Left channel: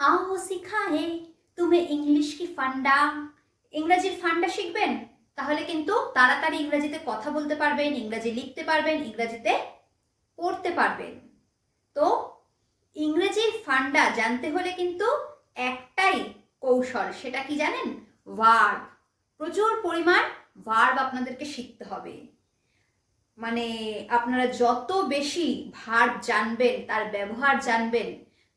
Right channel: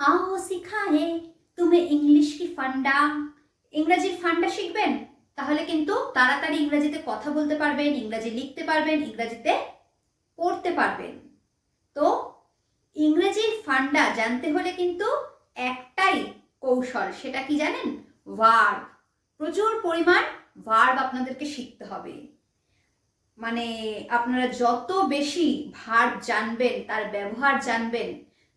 आओ सिखाए तुम्हें इंग्लिश की ফান্ডা। ইংরেজির ফান্ডা শিখবেন, তাহলে কিন্তু তাড়াতাড়ি ইংরেজিতে কথা বলতে পারবেন, ইংরেজি লিখতে পারবেন, ইংরেজিতে পড়তে পারবেন। তো ইংরেজির ফান্ডা জানতে হলে কিন্তু একটাই কৌশল, সেটা কি জানেন? ভার্ব। প্রচুর পরিমাণ ভার্ব আপনাদেরকে শিখতে হবে। মানে আপনারা যত বেশি ভার্ব জানবেন, তার ব্যবহার জানবেন,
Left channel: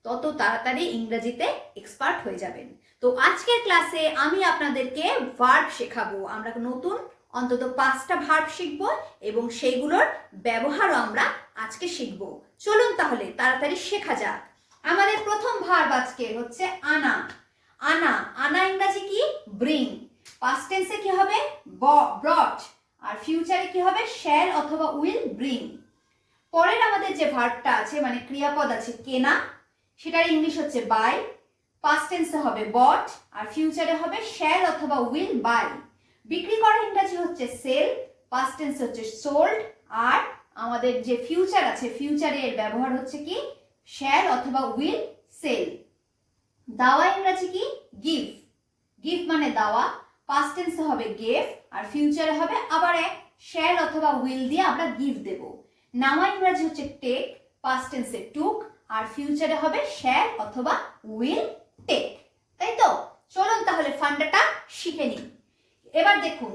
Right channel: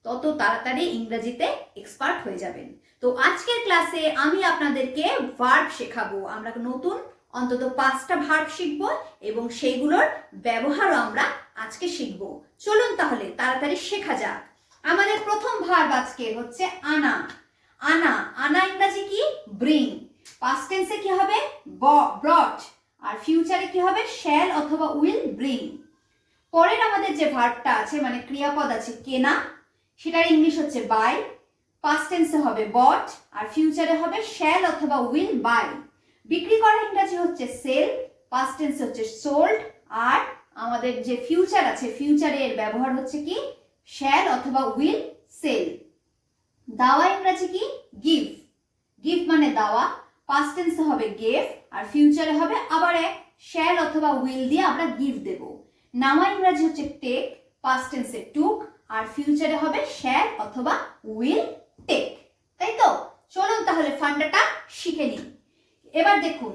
তত তাড়াতাড়ি ইংরেজিতে এক্সপার্ট হয়ে যাবেন। তো আজকের ক্লাসে আমি আপনাদেরকে ভার্ব শেখাবো। আমরা নতুন অন্তত 5টা ভার্ব শিখবো এবং সেইগুলোর ব্যবহারও আমরা আজকে শিখবো। চলুন তাহলে তাড়াতাড়ি শেখা যাক। আমাদের প্রথম ভার্ব আজকে হচ্ছে আনা। আনা, আনা ইংরেজি কি? ব্রিং। পাস্ট টেন্সে কি হবে? ব্রট। আর ফিউচারে কি হবে? শ্যাল অথবা উইল ব্রিং। পরের আমাদের যে ভার্বটা আছে, মানে ক্রিয়াপদ আছে কেনা, সেটার ইংলিশ হচ্ছে বাই। পাস্ট টেন্সে হবে বট আর ফিউচারে হবে শ্যাল অথবা উইল বাই। বিক্রি করা ইংরেজি হচ্ছে সেল, পাস্ট টেন্স হচ্ছে সোল্ড, আর আমাদের যে ফিউচার আছে, ফিউচারে এর ব্যবহার হচ্ছে কি? শ্যাল অথবা উইল সেল। দাওয়া ইংরেজি কি? গিভ। গিভ মানে দাওয়া, পাস্ট টেন্সে হবে গেভ আর ফিউচারে হবে আবার এক শ্যাল অথবা উইল দিয়ে আমরা গিভ দেব। নামা ইংরেজি হচ্ছে টেক, পাস্ট টেন্সে টুক আর ফিউচারে হবে শ্যাল অথবা উইল টেক। তাই তো? চলুন তাহলে ফান্ডাটা শিখে নিই। এবার দেখুন,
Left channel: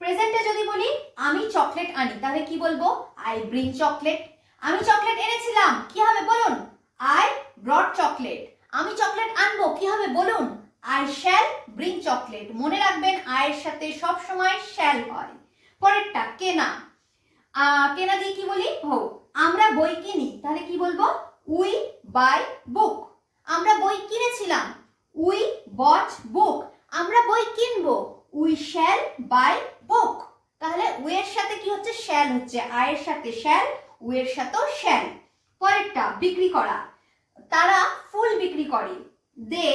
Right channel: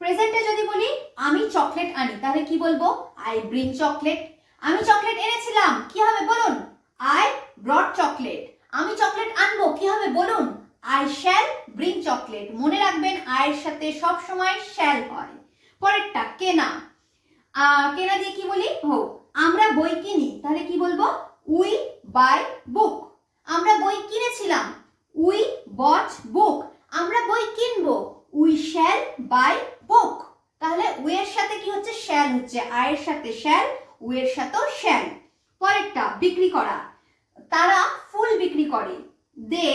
প্রেজেন্টে যদি বলি আমি চকলেট আনি, তাহলে কি বলবো? I bring chocolate. আমি চকলেট এনেছিলাম, কি হবে বলুন? I brought chocolate. আমি চকলেট আনবো, কি হবে বলুন? I shall bring chocolate. মনে রাখবেন আয়ের সাথে সব সময় শ্যাল হয়। পরেরটা কেনা। কেনা দিয়ে কি বলি? আমরা বই কিনি, তাহলে কি বলবো? উই বাই বুক। আমরা বই কিনেছিলাম, উই বট বুক। আমরা বই কিনবো, উই শ্যাল বাই বুক। তাহলে উইয়ের সাথে কি হচ্ছে? শ্যাল হচ্ছে। আয়ের সাথে শ্যাল, উইয়ের সাথেও শ্যাল। পরেরটা বিক্রি করা। তারা ফুল বিক্রি করে, দে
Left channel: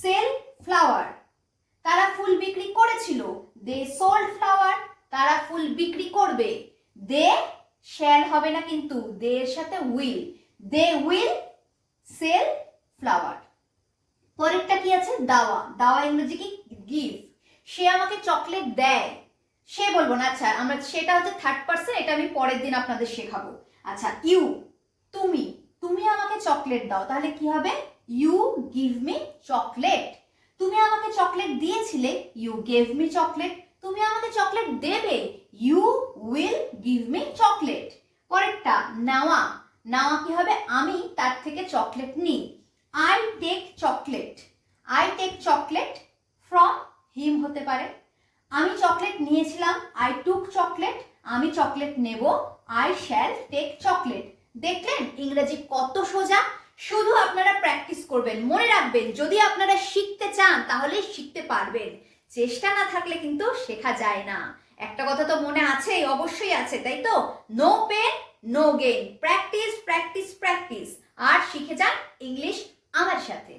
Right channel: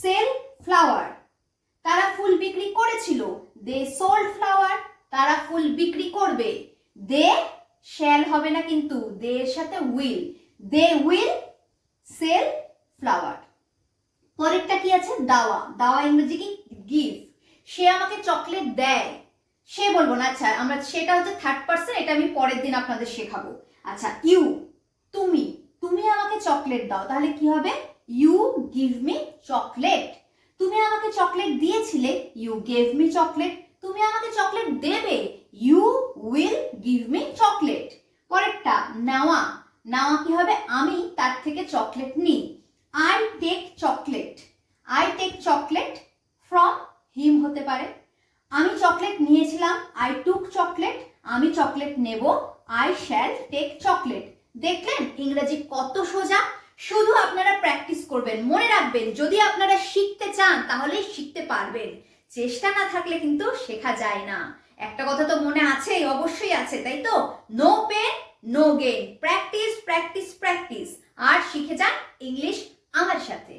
সেল ফ্লাওয়ার। তারা ফুল বিক্রি করেছিল, দে সোল্ড ফ্লাওয়ার। তারা ফুল বিক্রি করবে, দে শ্যাল হবে না কিন্তু, দে এর সাথে will, they will sell flower. পরেরটা কি আছে? দাওয়া। দাওয়া ইংরেজি কি? গিভ। সে আমাকে চকলেট দেয়, সে বলবো না, আচ্ছা আমরা সেটা হচ্ছে থার্ড পারসন, এটা আমি পরের দিন আপনাদের শেখাবো। আচ্ছা, ইউ, তুমি, তুমি আমাকে চকলেট দাও, তাহলে কি হবে? You give me chocolate. তুমি আমাকে চকলেট দিয়েছিলে, ইউ গেভ মি চকলেট। তুমি আমাকে চকলেট দেবে, you will give me chocolate. পরেরটা নেওয়া। নেওয়া কি হবে? আমি তার থেকে চকলেট নিই, I take chocolate. I take chocolate from him হতে পারে। আমি চকলেট নিয়েছিলাম, আই টুক চকলেট। আমি চকলেট নেব, আই শ্যাল টেক চকলেট। দেখলেন ইংরেজি কত সোজা? শুধু আপনারা প্র্যাকটিস করবেন। মনে রাখবেন, যদি আপনারা শিখতে চান তাহলে শিখতে পারবেন, চেষ্টা না থাকলে কিন্তু শেখা যায় না। একটা কথা তো মনে আছে, অবশ্যই আছে, তাই তো? No pain no gain. Practice practice practice. আর শিখে যান ইংলিশ আমার সাথে।